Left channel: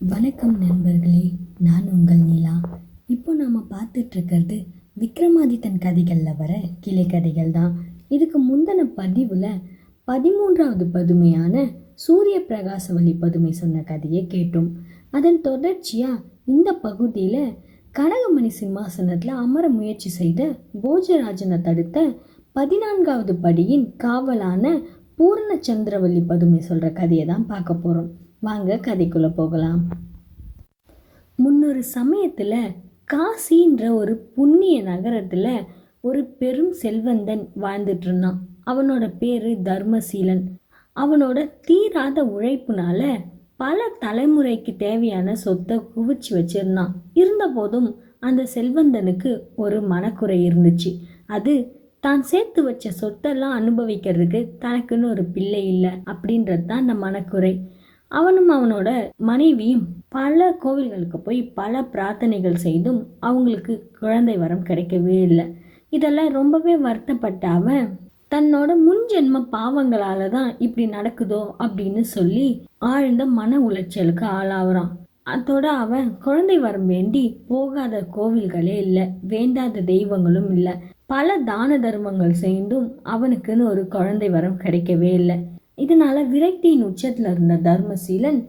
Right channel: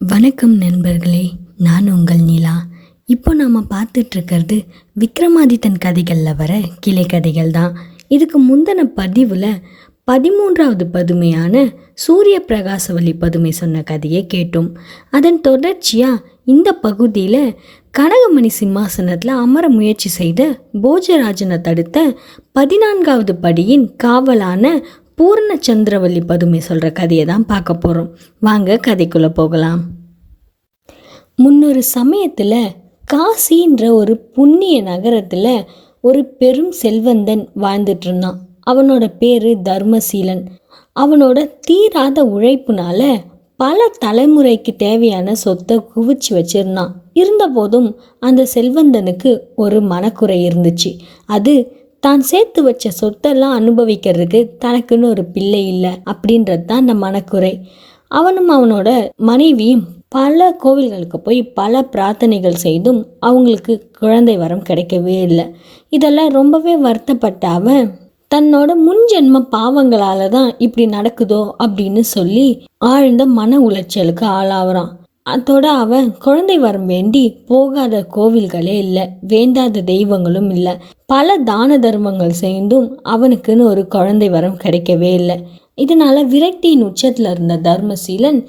வணக்கம் நண்பர்களே, நான் உங்கள் நிலா. இப்போ நாம் பார்த்துட்ருக்கிறது விக்ரமாதித்தன் கதைகளில் வர கிளை கதைகள் தான். இதுக்கு முந்தின பதிவில் 13வது பதுமையான சூரிய பிரகாசவல்லி பதுமை சொன்ன கதையை கேட்டோம். அதன் தொடர்ச்சியாக இந்த பகுதியில் கனகமணி சிம்மாசனத்தில் அமர முயற்சி செய்த போஜராஜனை தடுத்த 14வது படியின் காவலான பூர்ணச்சந்திரவல்லி பதுமை சொல்கிற கதையை தான் பார்க்க போகிறோம். வாங்க கதைக்குள்ளே போகலாம். முன்னொரு சமயத்தில் காசின்ற ஒரு புண்ணிய நகரத்தில் ஒரு பெரும் செல்வந்தன் வாழ்ந்துட்டு இருந்தான். அவனோட பேர் தர்மசீலன். அவனோட தீராத உழைப்புனால பல தலைமுறைக்கு தேவையான சொத்தை குவிச்சு வச்சிருந்தான். இருந்த போதும் அந்த செல்வந்தனுக்கு ஒரு மனக்குறை இருந்துச்சு. அது தான் சேர்த்து வச்ச சொத்தெல்லாம் அனுபவிக்கிறதுக்கு தனக்குன்னு ஒரு பிள்ளை இல்லை அப்படின்றது தான் அந்த மனக்குறை. அவனும் அவனோட மனைவியும் பல கோவில்களுக்கு போய் பல பிரார்த்தனைகள் செய்தும் அவங்களுக்கு குழந்தை வரம் கிடைக்கவே இல்லை. இதெல்லாம் ரொம்பவே வருத்தப்பட்ட அவன் தன்னோட முன்ஜென்ம பாவங்களால தான் இப்படி நடக்குதோ அப்படின்னு சொல்லி ஆழ்ந்த மன உளைச்சலுக்கு ஆளாகிறான். அதோட அவன் குழந்தை வரம் வேண்டி போகாத கோவில்களே இல்லை, வேண்டாத தெய்வங்களும் இல்லை. பல தான தர்மங்கள் செய்தும் அவனுக்குன்னு ஒரு குழந்தை வரம் கிடைக்கவே இல்லை. இதனால விரக்தியின் உச்சத்தில் இருந்த தர்மசீலன்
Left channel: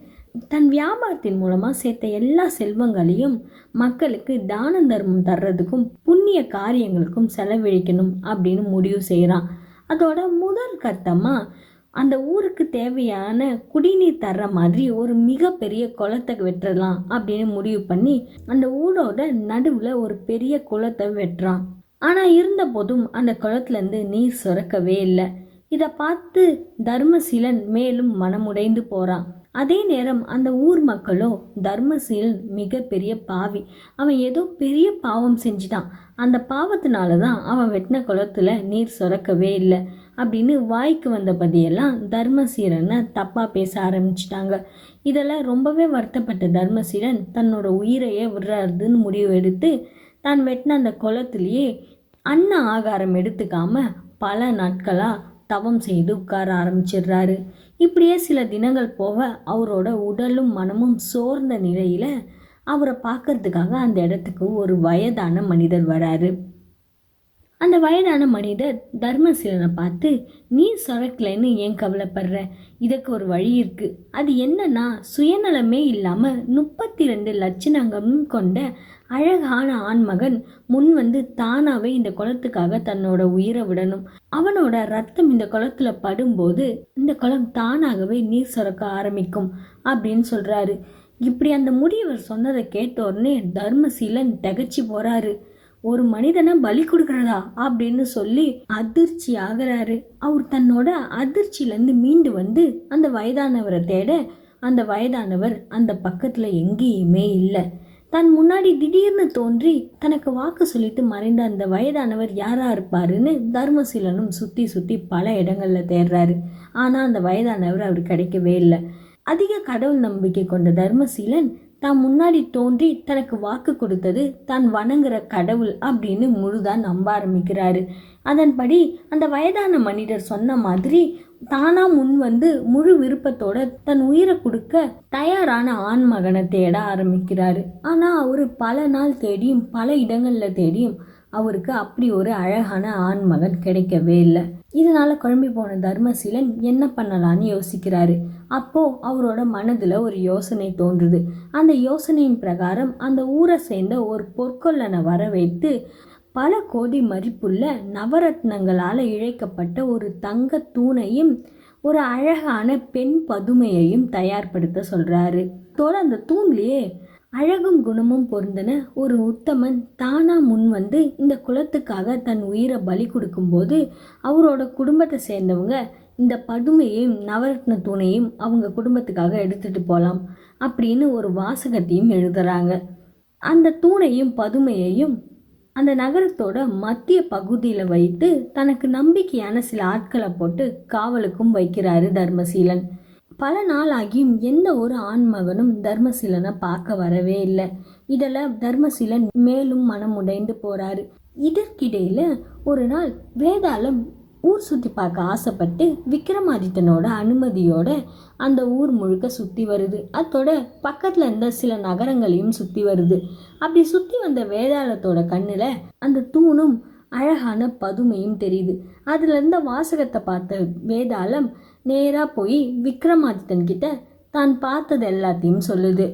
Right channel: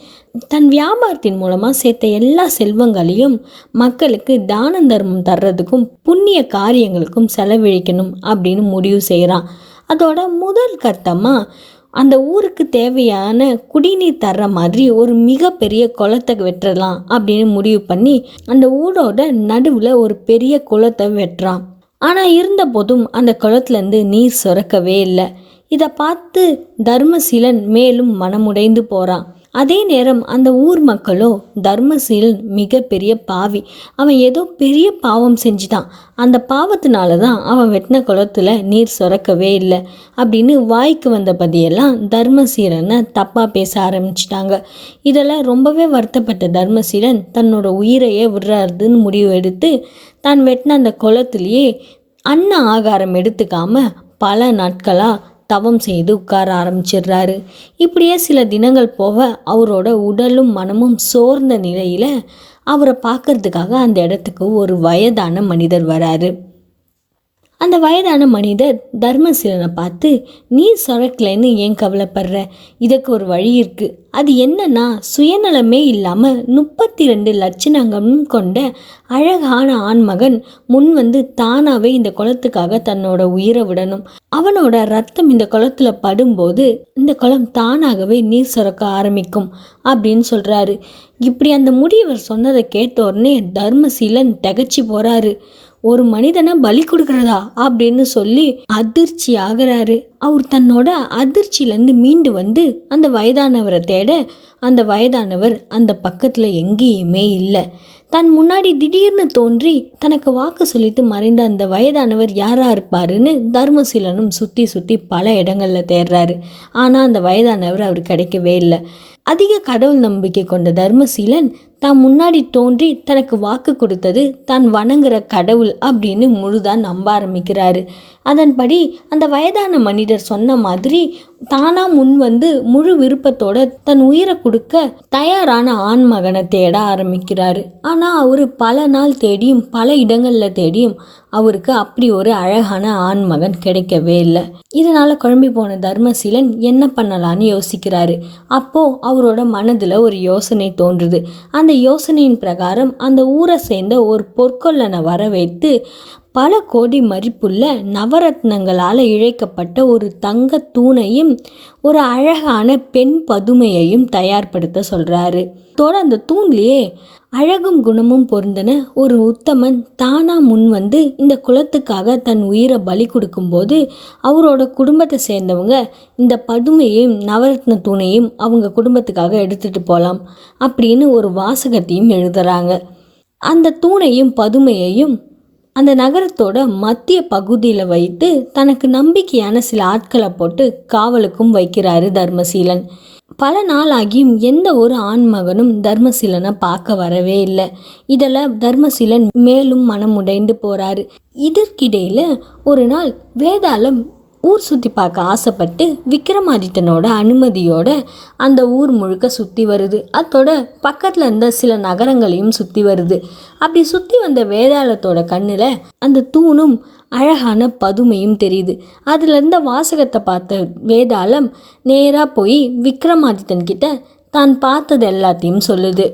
தன் வியாபாரத்தின் மூலமாக சேர்த்த எல்லா செல்வங்களையும் மக்களுக்கு தான தர்மம் தர்றதுக்கும் புண்ணிய காரியங்களுக்கும் செலவழிக்கணும் அப்படின்னு முடிவு செய்கிறான். அதோட முதல் கட்டமாக அந்த ஊருக்கு தேவையான குடிநீர் தர்ற மாதிரி ஒரு மிகப்பெரிய குளத்தை வெட்டலாம் அப்படின்னு முடிவு பண்ணி அந்த ஊரோட நடுவில் ஒரு பெரிய குளத்தை வெட்டுறான். ஆனால் இருந்த போதும் அந்த குளத்துலேருந்து நீர் சுரக்கவே இல்லை. இதை பார்த்து தர்மசீலன் மேலும் மனமுடைந்து போகிறான். அதே நேரம் அந்த ஊர் மக்களோ தர்மசீலன் மிகப்பெரிய பாவி, அவன் ஏதோ பெரிய பாவம் செஞ்சுட்டான், அந்த பாவத்தினால தான் அவன் வெட்டின குளத்துல நீர் சுரக்கவே இல்லை அப்படின்னு வாய்க்கு வந்த பதியெல்லாம் தர்மசீலனை தப்பாக பேச ஆரம்பிச்சிட்டாங்க. இதெல்லாம் ரொம்பவே வருத்தப்பட்ட தர்மசீலன் தன்னோட உயிரையே விடுறாருன்னு முடிவு எடுத்து தான் வெட்டின அந்த குளத்துலேயே அன்ன ஆகாரம் எடுத்துக்காம பல நாட்களாக தவம் செய்து உட்கார ஆரம்பிச்சிடுறாரு. இப்படியே சில தினங்கள் போக அவரோட உடலும் மனமும் சோர்ந்த நிலையில் அவரை பார்க்கறதுக்காக அந்த இடத்துக்கு ஒரு வயதான மனிதர் வராரு. அந்த வயதான மனிதர் தர்மசீலனை பார்த்து, நீ சுரக்கலைன்னு ஏன் கவலைப்படுற, இதுக்கு ஒரு வழி இருக்கு. அது என்னன்னா, சுயநலமே இல்லாமல் 32 லட்சணங்களும் கொண்ட அழகான ஆண்மகன் முன் வந்து தானாகவே இந்த குளத்துக்காக தன்னோட உயிரை விடணும். அவனோட ரத்தம் இந்த குளத்துல படும்போது இந்த குளம் தானாகவே நீர் சுரக்க ஆரம்பிக்கும் அப்படின்னு சொல்றாரு. இப்படி அந்த முதியவர் சொன்னதை கேட்ட உடனே தர்மசீலன் திகச்சு போறாரு. ஒரு மனிதனை பலி கொடுக்கறதா அப்படின்னு சொல்லி அதிர்ச்சி ஆகிறாரு. அவர் தன்னோட அதிர்ச்சியிலேருந்து மீண்டு வந்து அந்த வயதானவரை தேட அந்த வயதானவர் அந்த பக்கத்தில் எங்கேயுமே இல்லை. தன் முன்னாடி திடீர்னு தோன்றி தனக்கு வாக்கு சொல்லிட்டு மறைந்த அந்த வயதானவர் யாரா இருப்பாருன்னு தர்மசீலனும் சுற்றி சுற்றி பல இடங்களில் தேடுறாரு. ஆனால் அந்த வயதானவர் அவர் கிடைக்கவே இல்லை. அதிக கடவுள் நம்பிக்கை கொண்ட தர்மசீலன் தான் முன்னாடி தோன்றி தனக்கு வாக்கு கொடுத்தது தான் வணங்குற கடவுள் அப்படின்னு முழுதான் நம்ப ஆரம்பிக்கிறாரு. அதன்படி அந்த வயதான மனிதர் சொன்ன மாதிரி தானா முன் வந்து முழு விருப்பத்தோட தன் உயிரை கொடுக்க தயாரான ஆண் மகனை தேட ஆரம்பிக்கிறாரு. ஆனால் அவரு பல நாள் தேடியும் பல இடங்கள்ல தேடியும் அவருக்கு அப்படி ஒரு அழகான ஆண் மகன் கிடைக்கவே இல்லை. இதனால குழம்பி போன தர்மசீலன் என்ன பண்ணலான்னு யோசிக்கிறாரு. அப்போ அவரோட மனதுல ஒரு யோசனை தோன்றுது. அந்த யோசனையின் பிரகாரம் அந்த ஊரை சேர்ந்த ஒரு பொற்கொல்லனை வர வைத்து பல கோடி மதிப்புள்ள நவரத்னங்களால் இழைக்கப்பட்ட ஒரு தங்க தூணையும் ஒரு அழகான பெண் பதுமையையும் தயார்படுத்த சொல்றாரு. தோட அந்த தூண்லேயே அழகும் குணமும் பொருந்தின ஒரு உத்தமன் தானா முன் வந்து இந்த குலத்துக்காக தன் உயிரை பலி கொடுக்கும்போது அவரோட குடும்பத்தை சேர்ந்தவங்க இந்த பதுமையையும் நவரத்ன தூணையும் அவங்க குடும்பத்துக்காக எடுத்துட்டு போகலாம் அப்படின்னு ஒரு வாசகத்தையும் எழுதுறாங்க. அந்த தூணையும் பதுமையையும் அந்த நகரத்தோட மத்திய பகுதியில் வைத்து தனக்கு நம்பிக்கையான சில ஆட்களை போட்டு காவலுக்கும் வைக்கிறாரு தர்மசீலன். பல நாள் ஆகியும் எந்த ஒரு ஆண்மகனும் தர்மசீலனை பார்க்க வரவே இல்லை. இதில் தர்மசீலன் மேலும் மனம் உடைந்து போறாரு. இதற்கிடையில ஒரு நாள் வேதாளம் ஊர் சுற்றி பார்க்க ஆசைப்பட்டு விக்ரமாதித்தனோட அனுமதியோட அந்த ஊர் முழுக்க சுற்றி வருது. அதோட பக்கத்தில் இருந்த சில நகரங்களையும் சுற்றி வருது. அப்படி சுற்றி வந்த வேதாளத்தோட கண்ணில் அந்த தூணும் அழகான பதுமையும் தெரியுது. அதில் இருந்த வாசகத்தை பார்த்த வேதாளம் நேராக போய் விக்ரமாதித்தன் கிட்ட தான் பார்த்தது எல்லாத்தையும் சொல்லுது.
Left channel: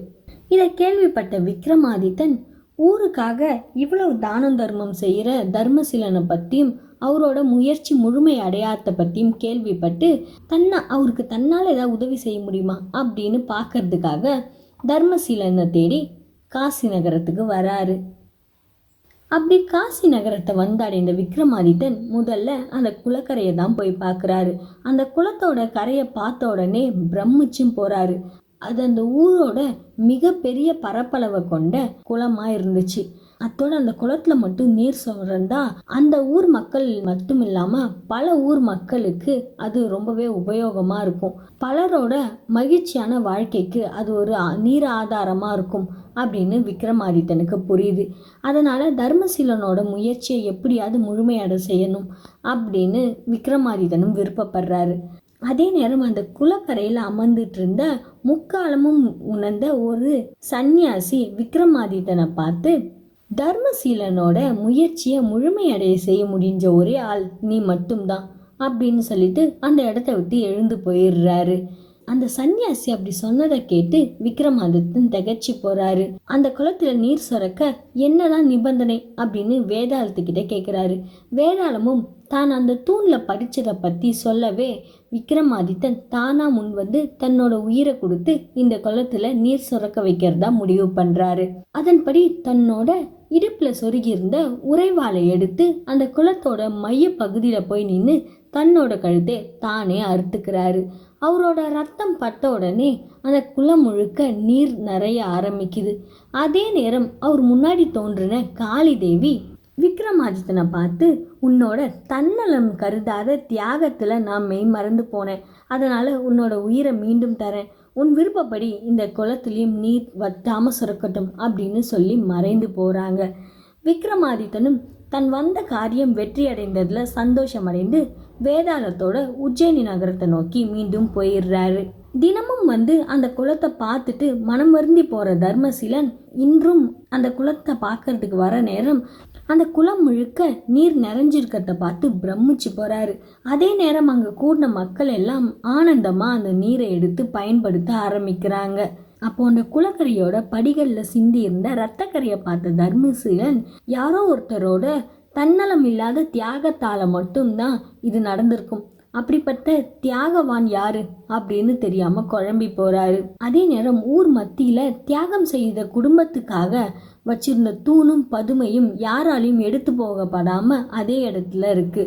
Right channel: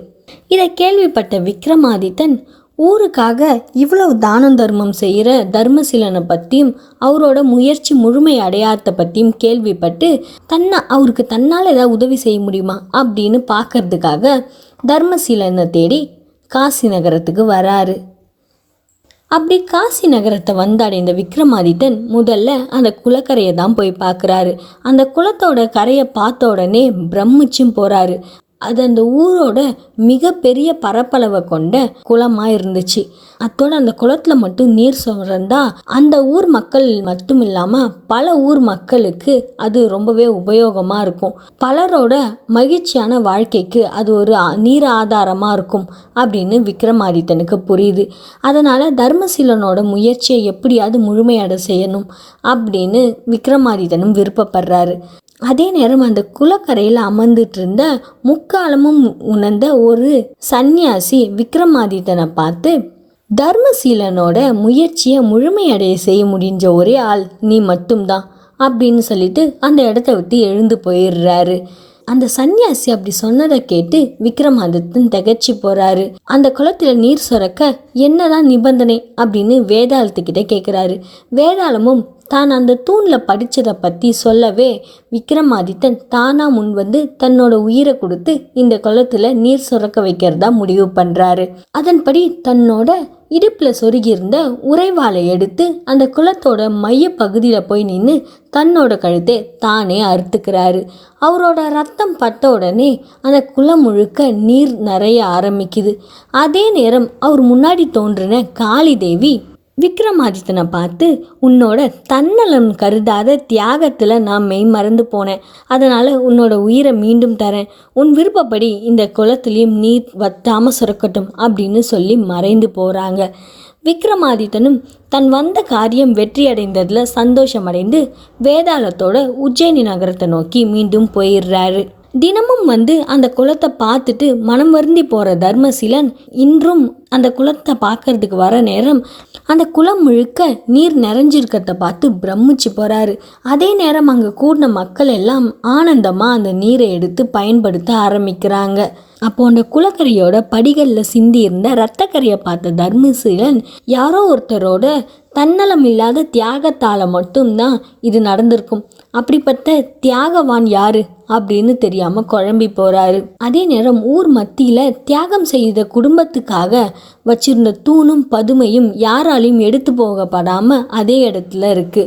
இதை கேள்விப்பட்ட விக்ரமாதித்தன் ஊருக்காக இவ்வளவு தானம் தர்மம் செய்கிற தர்மசீலனை பற்றியும் அவரோட முயற்சி முழுமை அடையாத பற்றியும் கேள்விப்பட்டு அவருக்கு தன்னால் ஏதாவது உதவி செய்ய முடியுமா அப்படின்னு பார்க்கறதுக்காக தர்மசீலனை தேடி காசி நகரத்துக்கு வராரு. அப்படி காசி நகரத்தை வந்தடைந்த விக்ரமாதித்தன் முதல்ல அந்த குளக்கரையை தான் போய் பார்க்குறாரு. அந்த குளத்தோட கரையை பார்த்த உடனே பிரமிச்சும் போகிறாரு. அது அந்த ஊரோட மிகப்பெரிய பரப்பளவை கொண்ட குளமாக இருந்துச்சு. அதோட அந்த குளத்தில் மட்டும் நீர் சுரந்தா அந்த ஊர் மக்கள் மட்டும் இல்லாமல் பல ஊர் மக்களுக்கு அது ரொம்பவே உபயோகமாக இருக்கும். பலரோட மகிழ்ச்சியான வாழ்க்கைக்கு அது ஒரு நீர் ஆதாரமாக இருக்கும் அப்படின்னு விக்ரமாதித்தனுக்கு புரியுது. அதனால் தர்மசீலனோட முயற்சியை எப்படியாவது முழுமையடை செய்யணும் அப்படின்னு விக்ரமாதித்தனும் விருப்பப்படுறாரு. அதே நேரம் அந்த குளக்கரையில் அமர்ந்துட்டு இருந்த முக்காலமும் உணர்ந்த ஒரு சந்நியாசி விக்ரமாதித்தனை பார்த்து, தர்மசீலனோட முயற்சியை முழுமையடைய செய்ய முடிஞ்ச ஒரே ஆள் நீ மட்டும்தான் அப்படின்னு சொல்லிட்டு அந்த இடத்த விட்டு எழுந்து போயிடுறாரு. அந்த சன்னியாசி அப்படி சொன்னதை கேட்டு விக்ரமாதித்தன் திகச்சு போறாரு. அந்த குளத்துல நீர் சுரக்க என்னதான் நிபந்தனை அப்படின்னு வேதாளத்துக்கிட்ட கேட்குறாரு. வேதாளமும் தான் அந்த தூணில் படித்ததை பற்றி சொல்லவே விக்ரமாதித்தன் தானாக முன் வந்து தன்னோட உயிரை கொடுத்து இந்த குளத்தில் நீர் சுரக்க வைக்கிறதா முடிவு பண்ணுறாரு. அதன்படி தன்னோட இடுப்பில் சொருகியிருந்த உறைவாளை எடுத்து அந்த குளத்தோட மைய பகுதியில் போய் நின்று தன்னோட கழுத்தை தானே அறுத்துக்கிறாரு. அவரோட ரத்தம் பட்ட உடனே அந்த குளம் முழுக்க நீர் நிறைய ஆரம்பிக்குது. அதே நேரம் அவர் முன்னாடி தோன்றின காளி தேவி விக்ரமாதித்தனை பார்த்து, உன்னோட தன்னலம் கருதாத தியாகத்தில் நான் மெய் மறந்து போனேன், அதனால் உன்னோட உயிரை மீண்டும் தரேன், உன் விருப்பப்படி இந்த குளத்துலேயும் நீர் வத்தாமல் சுரக்கட்டும் அப்படின்னு சொல்லி மறைந்து போகிறாங்க. விக்ரமாதித்தனும் தன் வந்த காரியம் வெற்றியடைந்ததில் சந்தோஷமடைந்து வேதாளத்தோட உஜ்ஜயினி நகரத்தை நோக்கி மீண்டும் போயிடுறாரு. தினமும் வந்து அந்த குளத்தை பார்த்துட்டு மனம் வருந்தி போகிற தர்மசீலன் இன்றும் அந்த குளத்தை பார்க்கறதுக்கு வர நேரம் அந்த குளம் முழுக்க நீர் நிறைஞ்சிருக்கிறத பார்த்து பிரமிச்சு போகிறாரு. அதே நேரம் அங்கே கூடின மக்கள் எல்லாம் ஆனந்தமாக அந்த நீரை எடுத்து பயன்படுத்த ஆரம்பிக்கிறாங்க. அப்போ அந்த குளக்கரையோட படிகளில் சிந்தி இருந்த இரத்தக்கரையை பார்த்த தர்மசீலன் யாரோ ஒருத்தரோட தன்னலம் இல்லாத தியாகத்தால் மட்டும்தான் இது நடந்திருக்கும், அப்படிப்பட்ட தியாகவான் யாரு அப்படின்னு தெரியாம குழம்பி போறாரு. அதே நேரம் ஊர் மத்தியில தியாகம் செய்த குடும்பத்துக்காக வச்சிருந்த தூணும் பதுமையும் யாராலையும் எடுத்து போகப்படாம அதே இடத்துல இருக்கு.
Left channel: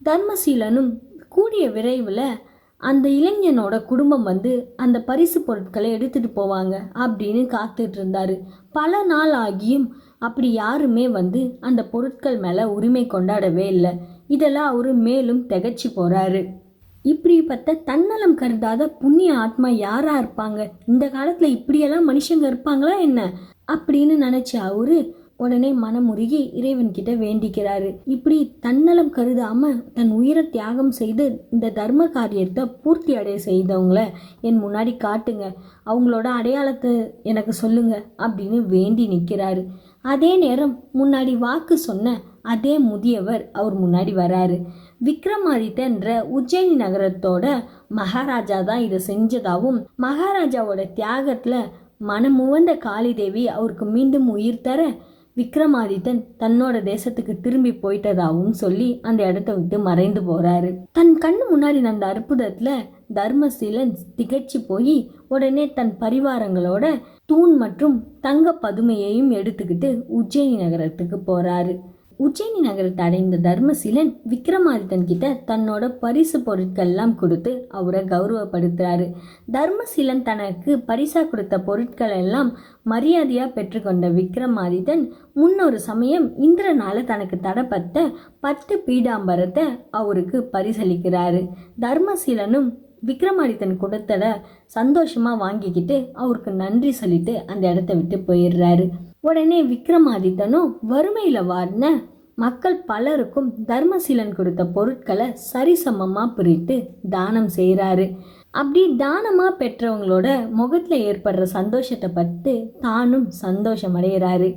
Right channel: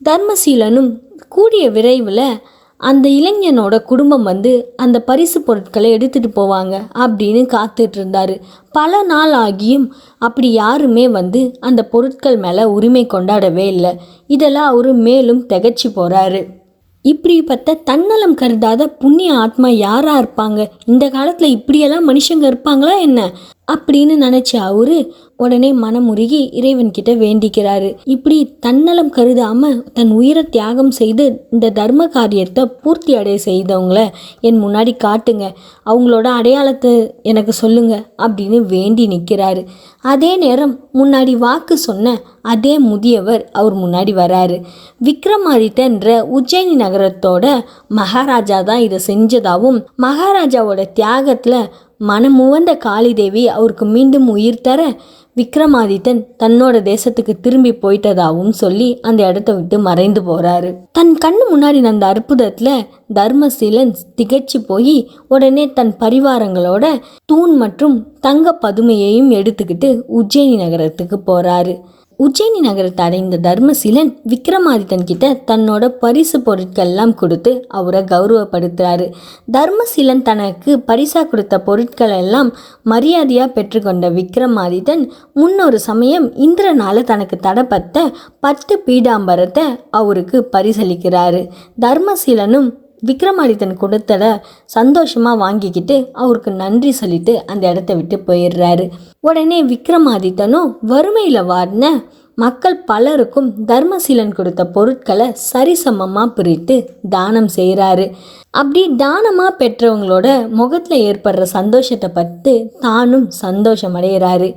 தர்மசீலனும் கூடிய விரைவில் அந்த இளைஞனோட குடும்பம் வந்து அந்த பரிசு பொருட்களை எடுத்துகிட்டு போவாங்க அப்படின்னு காத்துட்டு இருந்தாரு. பல நாள் ஆகியும் அப்படி யாருமே வந்து அந்த பொருட்கள் மேலே உரிமை கொண்டாடவே இல்லை. இதெல்லாம் அவரு மேலும் திகச்சு போகிறாரு. இப்படிப்பட்ட தன்னலம் கருதாத புண்ணிய ஆத்மா யாராக இருப்பாங்க, இந்த காலத்தில் இப்படியெல்லாம் மனுஷங்க இருப்பாங்களா என்ன அப்படின்னு நினச்ச அவரு உடனே மனமுருகி இறைவன்கிட்ட வேண்டிக்கிறாரு. இப்படி தன்னலம் கருதாம தன் உயிரை தியாகம் செய்து இந்த தர்ம காரியத்தை பூர்த்தி அடைய செய்தவங்கள என் முன்னாடி காட்டுங்க, அவங்களோட அடையாளத்தை எனக்கு சொல்லுங்க அப்படின்னு வேண்டி நிற்கிறாரு. அதே நேரம் முன்னாடி வாக்கு சொன்ன அதே முதியவர் அவர் முன்னாடி வராரு. விக்ரமாதித்தன்ற உஜ்ஜயினி நகரத்தோட மகாராஜா தான் இதை செஞ்சதாகவும் மகாராஜாவோட தியாகத்தில் மனமுவந்த காளிதேவி அவருக்கு மீண்டும் உயிர் தர விக்ரமாதித்தன் தன்னோட தேசத்துக்கு திரும்பி போயிட்டதாகவும் சொல்லி அந்த இடத்த விட்டு மறைந்து போறாரு. தன் கண்ணு முன்னாடி அந்த அற்புதத்துல தர்மசீலன் திகச்சு போய் உடனே தன் பரிவாரங்களோட தூண் மற்றும் தங்க பதுமையையும் எடுத்துக்கிட்டு உஜ்ஜயினி நகரத்துக்கு போறாரு. உஜ்ஜயினி நகரத்தை அடைந்த தர்மசீலன் விக்ரமாதித்தன் கிட்ட தன்னோட பரிசு பொருட்கள் எல்லாம் கொடுத்து அவரை கௌரவப்படுத்துறாரு. தர்மசீலன் தனக்கு பரிசா கொடுத்த பொருட்கள் எல்லாம் மரியாதையா பெற்றுக்கொண்ட விக்ரமாதித்தன் முன்னொரு சமயம் இந்திரனால தனக்கு தடப்பட்ட 10 பீடாம்பரத்தை அவருக்கு பரிசளிக்கிறாரு. தர்மசீலனும் விக்ரமாதித்தன் கொடுத்தத சந்தோஷமாக வாங்கிக்கிட்டு அவருக்கு நன்றி சொல்லிட்டு அந்த இடத்த விட்டு போயிடுறாரு. உடனே விக்ரமாதித்தனும் வறுமையில் வாடின மக்கள் பலருக்கும் தர்மசீலன் கொடுத்த பொருட்களை சரிசமமாக பிரித்து தானம் செய்கிறாரு. அப்படி தானமாக பெற்றவங்களோட முகத்தில் ஏற்படுற சந்தோஷத்தை பார்த்து தானும் சந்தோஷம் அடைகிறாரு.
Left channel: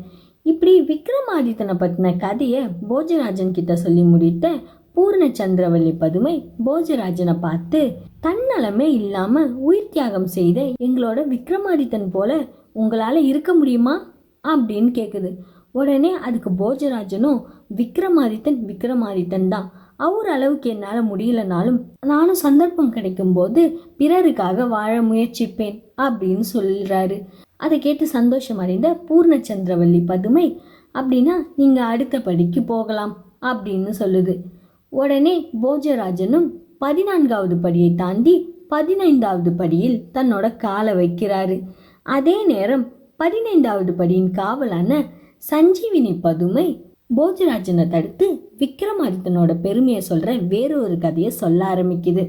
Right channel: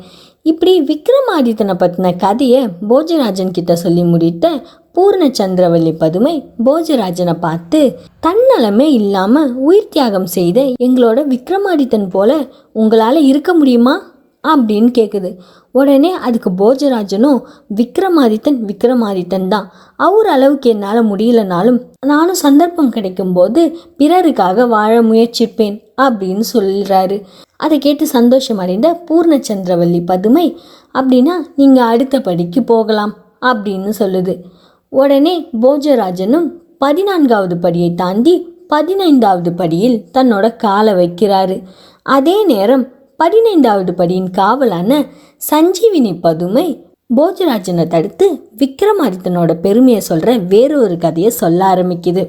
இப்படி விக்ரமாதித்தனை பற்றின கதையை போஜராஜன் கிட்ட சொல்லி முடித்த பூர்ணச்சந்திரவல்லி பதுமை போஜராஜனை பார்த்து, தன்னலமே இல்லாமல் உயிர் தியாகம் செய்த எங்களோட விக்ரமாதித்தன் போல உங்களால் இருக்க முடியுமா அப்படின்னு கேட்குது. உடனே அதுக்கு போஜராஜனும், விக்ரமாதித்தன் தான், அவர் அளவுக்கு என்னால் முடியலனாலும் நானும் சந்தர்ப்பம் கிடைக்கும்போது பிறருக்காக வாழ முயற்சிப்பேன் அப்படின்னு சொல்கிறாரு. அதை கேட்டு சந்தோஷம் அடைந்த பூர்ணச்சந்திரவல்லி பதுமை, அப்படின்னா நீங்கள் அடுத்த படிக்கு போகலாம் அப்படின்னு சொல்லுது. உடனே போஜராஜனும் 14வது படியை தாண்டி 15வது படியில் தன்னோட காலை வைக்கிறாரு. அதே நேரம் 15வது படியின் காவலான சஞ்சீவினி பதுமை போஜராஜனை தடுத்து விக்ரமாதித்தனோட பெருமையை சொல்கிற வேறொரு கதையை சொல்ல ஆரம்பிக்குது.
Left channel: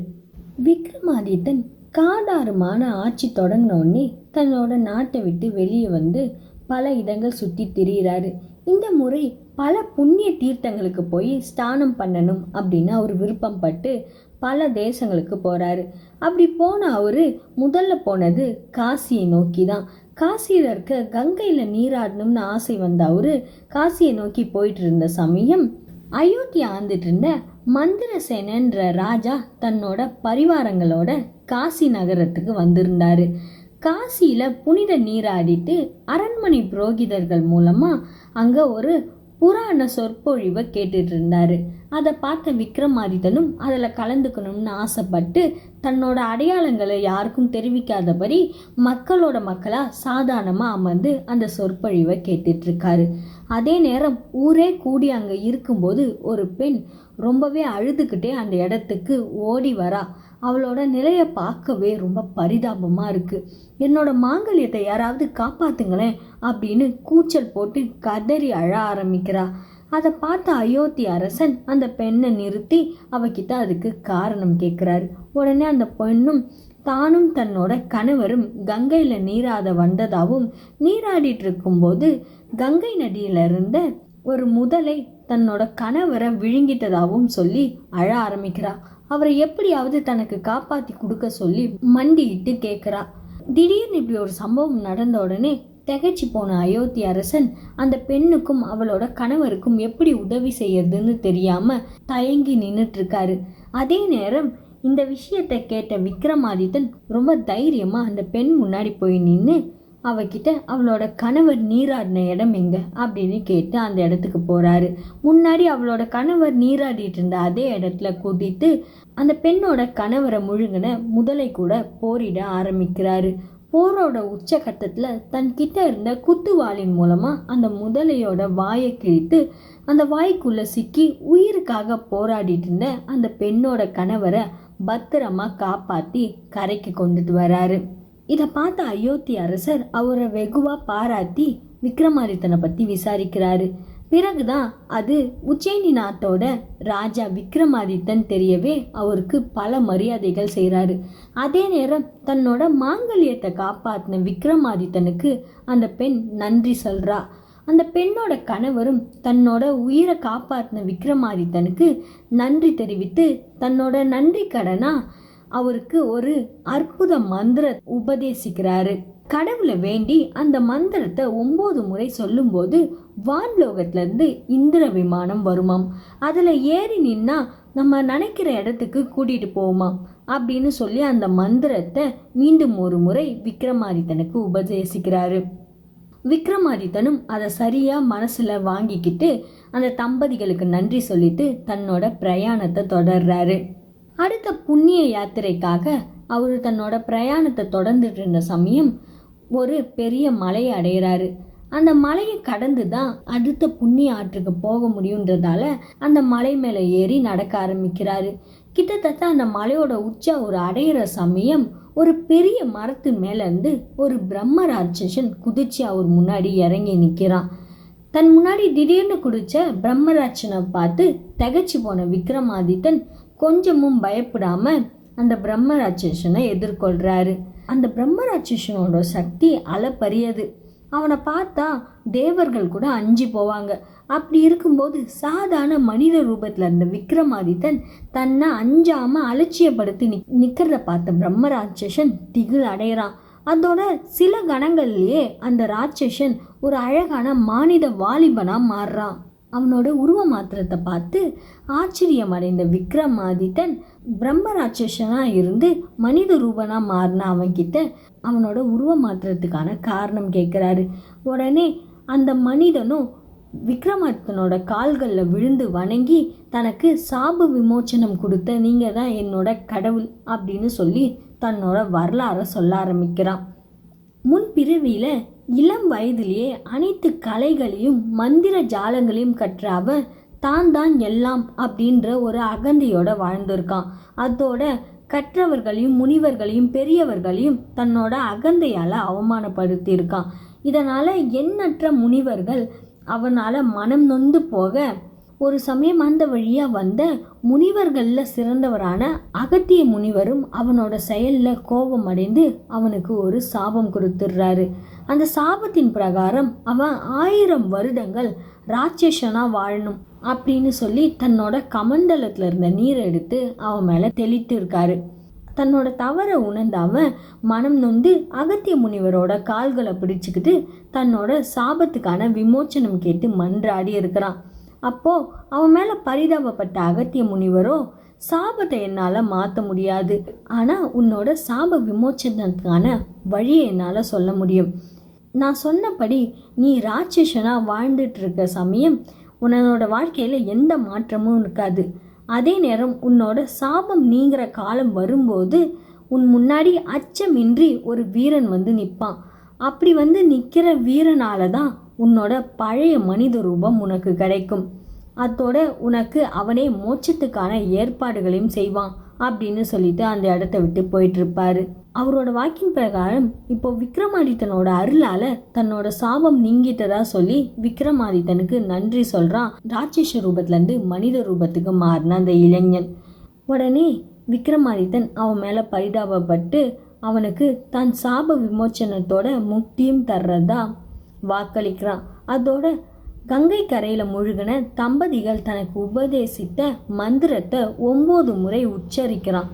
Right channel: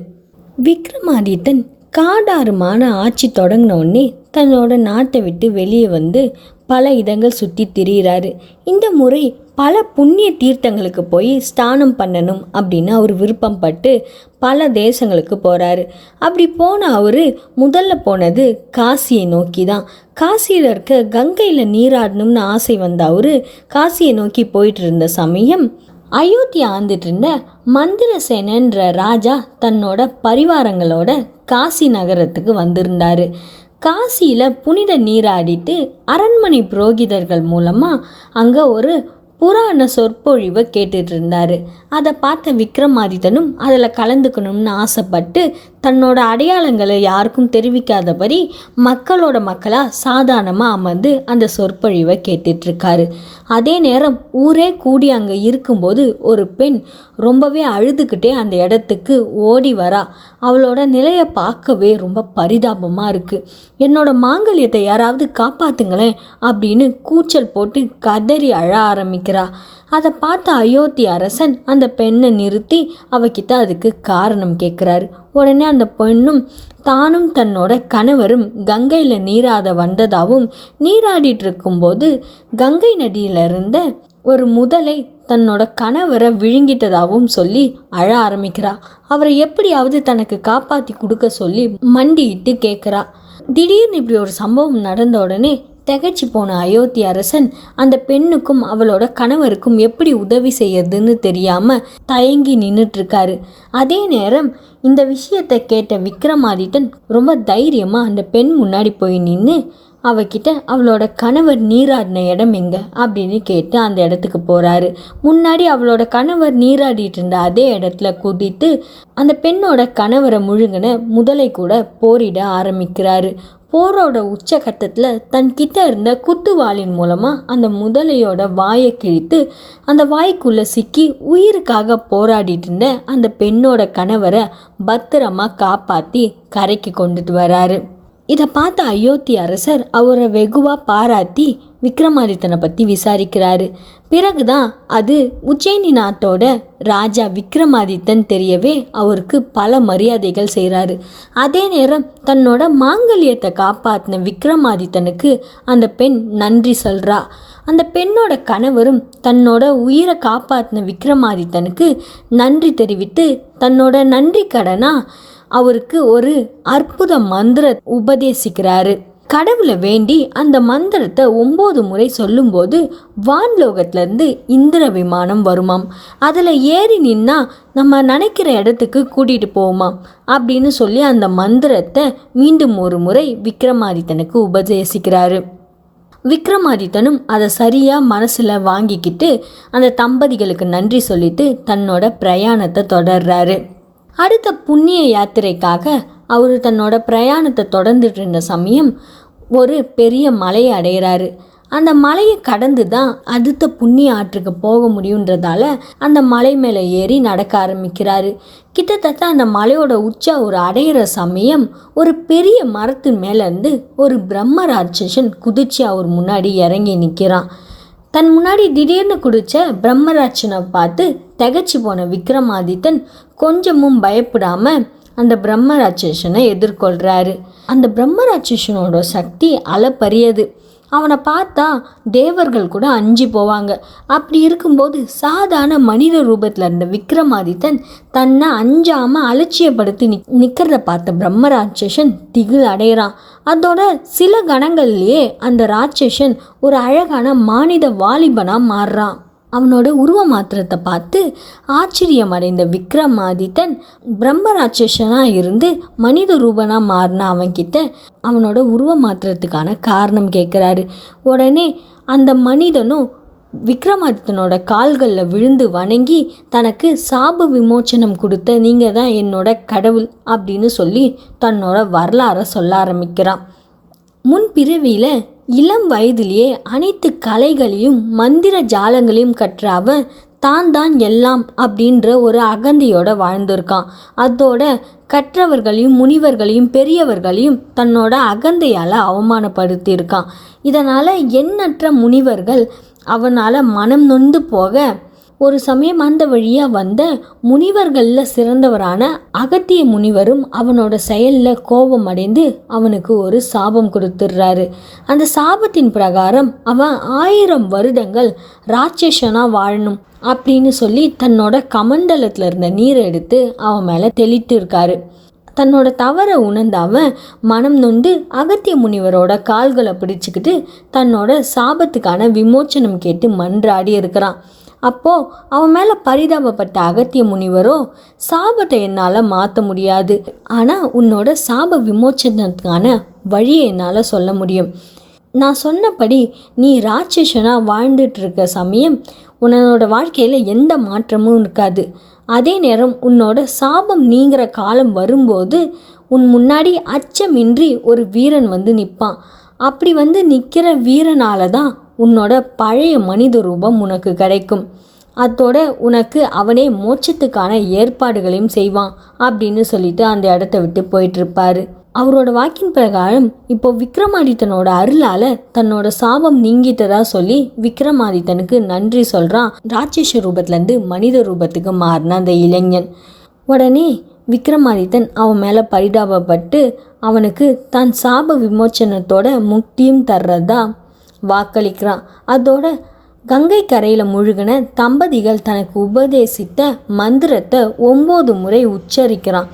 விக்ரமாதித்தன் காடாறுமான ஆட்சி தொடங்கினோடனே தன்னோட நாட்டை விட்டு வெளியே வந்து பல இடங்கள் சுற்றி திரியிறாரு. இந்த முறை பல புண்ணிய தீர்த்தங்களுக்கு போய் ஸ்நானம் பண்ணணும் அப்படின்னு அவர் விருப்பம் பட்டு பல தேசங்களுக்கு போகிறாரு. அப்படி போன அவர் முதல்ல போனது காசியை நோக்கி தான். காசியில் இருக்க கங்கையில் நீராடணும்னு ஆசை வந்த அவர் காசியை நோக்கி போயிட்டு இருந்த சமயம் அயோத்தி ஆண்டுட்டு இருந்த மந்திரசேனன்ற ராஜா தன்னோட பரிவாரங்களோட காசி நகரத்துக்கு வந்திருந்தார். காசியில் புனித நீராடிட்டு அரண்மனை புரோகிதர்கள் மூலமாக அங்கே ஒரு புராண சொற்பொழிவை கேட்டுட்டு இருந்தார். அதை பார்த்த விக்ரமாதித்தனும் அதில் கலந்துக்கணும்னு ஆசைப்பட்டு தன்னோட அடையாளங்களை யாருக்கும் தெரிவிக்காதபடி மக்களாக சாதாரணமாக அமர்ந்து அந்த சொற்பொழிவை கேட்டுட்ருக்காரு. அதே நேரம் ஊரே கூடி அங்கே இருக்கும்போது ஒரு பெண் ரொம்பவே அழுதுகிட்டே அந்த இடத்துக்கு ஓடி வரா. அவளோட நிலையை பார்க்கவே ரொம்ப பரிதாபமாக இருக்குது. என்னோட மாங்கல்யத்தை யாராவது காப்பாற்றுங்களேன் அப்படின்னு கூச்சல் போட்டு கதறி அழ ஆரம்பிக்கிறா. அதை பார்த்த அயோத்தி அரசன் அந்த பெண்ணை நிறுத்தி அவகிட்ட அதுக்கு காரணம் கேட்குறாரு. உடனே அந்த பெண்ணும் தானும் தன்னோட கணவரும் கங்கையில் நீராட வந்ததாகவும் நீராடிட்டு இருக்கும்போது கங்கை நதியில் இருந்த ஒரு முதலை தன்னோட கணவரை விழுங்கிட்டதாகவும் சொல்லி அழ ஆரம்பிக்கிறா. அவரை எப்படியாவது தனக்கு காப்பாற்றி கொடுக்க சொல்லி மண்டிட்டு கேட்குறா. திடீர்னு இப்படி ஒரு சம்பவம் நடந்த உடனே திகைச்சு போன அயோத்தி அரசன் அந்த பெண்ணுக்கும் அவளோட கணவருக்கும் எப்படி உதவி செய்யறதுன்னு தெரியாம தயங்கி நின்றுட்டு இருக்காரு. அதே நேரம் இந்த விஷயத்தை கேட்ட விக்ரமாதித்தன் ரொம்ப தைரியமா அந்த பெண் முன்னாடி போய் நின்று அவகிட்ட அவளோட கணவர் நீராடின இடம் எங்க அப்படின்னு கேட்டு அந்த இடத்துக்கு போறாரு. முன்னாடி அவளோட கணவர் நீராடிட்டு இருந்த அதே இடத்துல குதித்து அந்த பெண்ணோட கணவரை முழுங்கின முதலை கூட போரிட ஆரம்பிக்கிறாரு. போரோட உச்சகட்டத்தில் தன்கிட்ட இருந்த குத்துவாளின் மூலமாக அந்த முதலையோட வாயை கிழித்து அந்த வாய்க்குள்ளே சிக்கி உயிருக்காக போராடிட்டு இருந்த அந்த பெண்ணோட கணவரை பத்திரமா காப்பாற்றி கரைக்கு கொண்டுட்டு வராரு. இதை பார்த்த அயோத்தி அரசர் அவரை வெகுவாக பாராட்டி விக்ரமாதித்தனை பற்றி விசாரிக்கிறாரு. பிறகுதான் அது உஜ்ஜயினி நாட்டோட ராஜா விக்ரமாதித்தன் தெரியவே அவருக்கு பல மரியாதைகள் செய்கிறாரு. அதே நேரம் தன்னோட மாங்கல்யத்தை காப்பாற்றின விக்ரமாதித்தனுக்கு அந்த பெண் நன்றி சொல்கிறா. அந்த பெண்ணோட கணவரும் தன்னோட உயிரை காப்பாற்றின விக்ரமாதித்தனுக்கு நன்றி தெரிவித்து தன்னோட நன்றி கடனா அவருக்கு ஒரு அற்புத மந்திர உபதேசிக்கிறாரு. கடவுளை வேண்டி அந்த மந்திரத்தை 9 முறை சொல்லும்போது வான்லோகத்திலேருந்து இந்திர விமானம் வருமாம். அதில் ஏறி நின்னா நம்ம நினைக்கிற இடத்துக்கு கூட்டிகிட்டு போவோமாம் அப்படின்னு சொல்லி அந்த மந்திரத்தை மீண்டும் ஒரு முறை விக்ரமாதித்தனுக்கு உபதேசிக்கிறாரு. விக்ரமாதித்தனும் அதை சரியாக மனசில் வாங்கிக்கிட்டு அந்த தம்பதிகளுக்கு நன்றி சொல்லிட்டு தன்னோட பிரயாணத்தை தொடர்றாரு. அடுத்த புண்ணிய யாத்திரைக்காக அவர் தன்னோட பிரயாணத்தை தொடர்ந்துட்டு இருந்த சமயம் ஒரு பெரிய மலையை அடைகிறாரு. அந்த மலையை கடந்து தான் அடுத்த புண்ணிய ஆற்றுக்கு போக முடியுன்றதால அந்த மலை மேலே ஏறி நடக்க ஆரம்பிக்கிறாரு. கிட்டத்தட்ட அந்த மலையோட உச்சா ஒரு அடையிற சமயம் ஒரு பெரிய மரத்தின் மேலேருந்து ஒரு பிரம்ம ராட்சசன் குதிச்சு அவர் முன்னாடி இறங்கி நிற்கிறான். தன் முன்னாடி திடீர்னு குடிச்ச பிரம்மராட்சனை பார்த்து திகைச்சு போன விக்ரமாதித்தன் கொஞ்சமும் பயப்படாம அந்த பிரம்மராட்சசனை எதிர்கொள்கிறாரு. அந்த பிரம்மராட்சசனோட சக்தி அளப்பரியது. அவனை பார்த்தா தேவர்கள் கூட அஞ்சி போவாங்க. அப்படி இருக்கும்போது சாதாரண மனித ரூபத்தில் இருந்த விக்ரமாதித்தன் தன்னை அஞ்சாமல் அலட்சியப்படுத்தி நிற்கிறத பார்த்த பிரம்ம ராட்சசன் திகில் அடைகிறான். அதோட சில கணங்கள்லேயே அந்த ராட்சசன் ஒரு அழகான மானிட வாலிபனாக மாறுறான். அவனோட உருவ மாத்திரத்தை பார்த்து ஆச்சரியம் அடைந்த விக்ரமாதித்தன் பிரம்ம ராட்சசனாக இருந்து மனித ரூபனாக மாறின அவன்கிட்ட அவனோட உருவ மாத்திரத்துக்கான காரணம் கேட்குறாரு. உடனே அந்த மனிதனும் விக்ரமாதித்தனோட கால்களில் விழுந்து வணங்கி தனக்கு சாப விமோச்சனம் கொடுத்த நீங்கள் தான் என்னோட கடவுள் அப்படின்னு சொல்லி தன்னோட வரலாறை சொல்ல ஆரம்பிக்கிறான். முன்பிறவியில் இளம் வயதிலேயே அனைத்து கலைகளையும் மந்திர ஜாலங்களையும் கற்ற அவன் தான் எல்லாம் அப்படின்ற ஒரு அகந்தையோட வாழ்ந்திருக்கான். அதோட கற்றவர்களையும் முனிவர்களையும் பெரியவர்களையும் தன்னோட அகந்தையால் அவமானப்படுத்தியிருக்கான். இதனால் எண்ணற்ற முனிவர்கள் அவனால் மனம் நொந்து போக ஒரு சமயம் அந்த வழியாக வந்த முனிவர்களில் சிறந்தவரான அகத்திய முனிவரும் அவனோட செயலில் கோபம் அடைந்து அவனுக்கு ஒரு சாபம் கொடுத்துடுறாரு. அந்த சாபத்தின் பிரகாரம் அவன் 1000 வருடங்கள் ராட்சசனாக வாழணும் அப்படின்னு சொல்லி தன்னோட கமண்டலத்தில் இருந்த நீரை எடுத்து அவன் மேலே தெளித்து இருக்காரு. தன்னோட தவறை உணர்ந்த அவன் மனம் நொந்து அகத்திய முனிவரோட கால்களை பிடிச்சிக்கிட்டு தன்னோட சாபத்துக்கான விமோச்சனம் கேட்டு மன்றாடி இருக்கிறான். அப்போது அவன் மேலே பரிதாபப்பட்ட அகத்திய முனிவரோ, சாபத்தை என்னால் மாற்ற முடியாது, ஆனால் உன்னோட சாப விமோச்சனத்துக்கான வழியை என்னால் சொல்ல முடியும். நான் சொன்னபடி நீ ராட்சசனாக வாழ்ந்துட்டுருக்க சமயம் உன்னோட வாழ்க்கையில் எந்த மாற்றமும் இருக்காது. அதே நேரம் உன்னோட சாபம் நீங்கிற காலம் வரும்போது உன் முன்னாடி அச்சமின்றி ஒரு வீரன் வந்து நிற்பான். அப்படி வந்து நிற்கிற வீரனால தான் உன்னோட பழைய மனித ரூபம் உனக்கு கிடைக்கும். அதோட உனக்கு அவனே மோட்சத்துக்கான ஏற்பாடுகளையும் செய்வான் அப்படின்னு சொல்லிட்டு அந்த இடத்த விட்டு போயிட்டுருப்பாரு. அவரோட வாக்கின் பிரகாரம் இப்போ விக்ரமாதித்தனோட அருளால் தன்னோட சாபம் நீங்கிட்டதா சொல்லி விக்ரமாதித்தனுக்கு நன்றி சொல்கிறான் ராட்சச ரூபத்துலேருந்து மனித ரூபத்துக்கு மாறின அந்த இளைஞன். உடனே விக்ரமாதித்தன் அவன் மேலே பரிதாபப்பட்டு அவனுக்கு தான் சாப விமோச்சனத்தோட முக்தியும் தர்றதா வாக்களிக்கிறான். அதோட கங்கை கரையில் முழுகின தம்பதிகள் தனக்கு உபதேசித்த மந்திரத்தை 9 முறை உச்சரிக்கிறான்.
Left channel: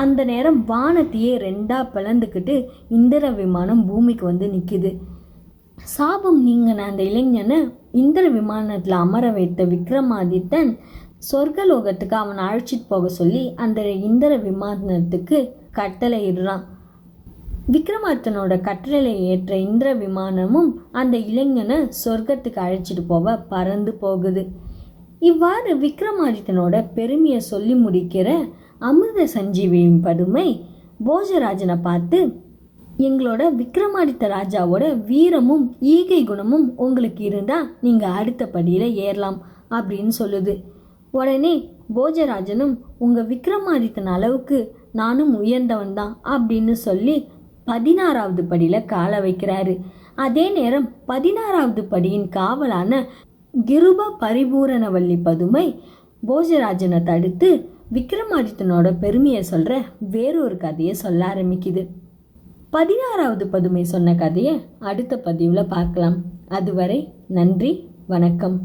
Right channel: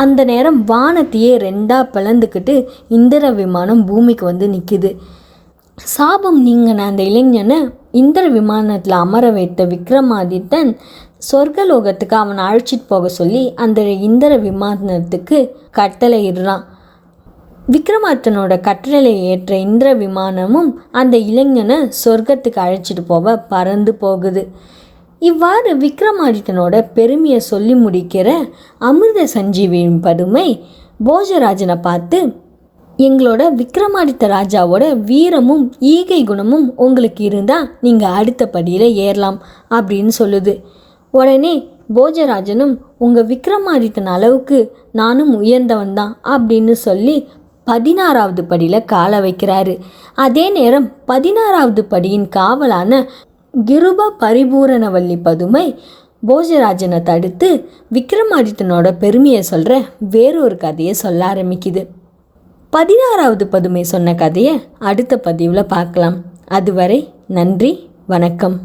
அந்த நேரம் வானத்தையே 2ஆக பிளந்துக்கிட்டு இந்திர விமானம் பூமிக்கு வந்து நிற்கிது. சாபம் நீங்கின அந்த இளைஞனை இந்திர விமானத்தில் அமர வைத்த விக்ரமாதித்தன் சொர்க்கலோகத்துக்கு அவனை அழைச்சிட்டு போக சொல்லி அந்த இந்திர விமானத்துக்கு கட்டளை இடுறான். விக்ரமாதித்தனோட கட்டளை ஏற்ற இந்திர விமானமும் அந்த இளைஞனை சொர்க்கத்துக்கு அழைச்சிட்டு போக பறந்து போகுது. இவ்வாறு விக்ரமாதித்தனோட பெருமையை சொல்லி முடிக்கிற அமிர்த சஞ்சீவியின் பதுமை போஜராஜனை பார்த்து, எங்களோட விக்ரமாதித்த ராஜாவோட வீரமும் ஈகை குணமும் உங்களுக்கு இருந்தால் நீங்கள் அடுத்த படியில் ஏறலாம் அப்படின்னு சொல்லுது. உடனே போஜராஜனும் உங்கள் விக்ரமாதித்தன் அளவுக்கு நானும் உயர்ந்தவன் தான் அப்படின்னு சொல்லி 16வது படியில் கால வைக்கிறாரு. அதே நேரம் 16வது படியின் காவலான கிருப பரிபூரணவல்லி பதுமை போஜராஜனை தடுத்து விக்ரமாதித்தனோட பெருமையை சொல்கிற வேறொரு கதையை சொல்ல ஆரம்பிக்குது. 16வது பதுமை சொன்ன கதையை அடுத்த பதிவில் பார்க்கலாம். அதுவரை நன்றி, வணக்கம்.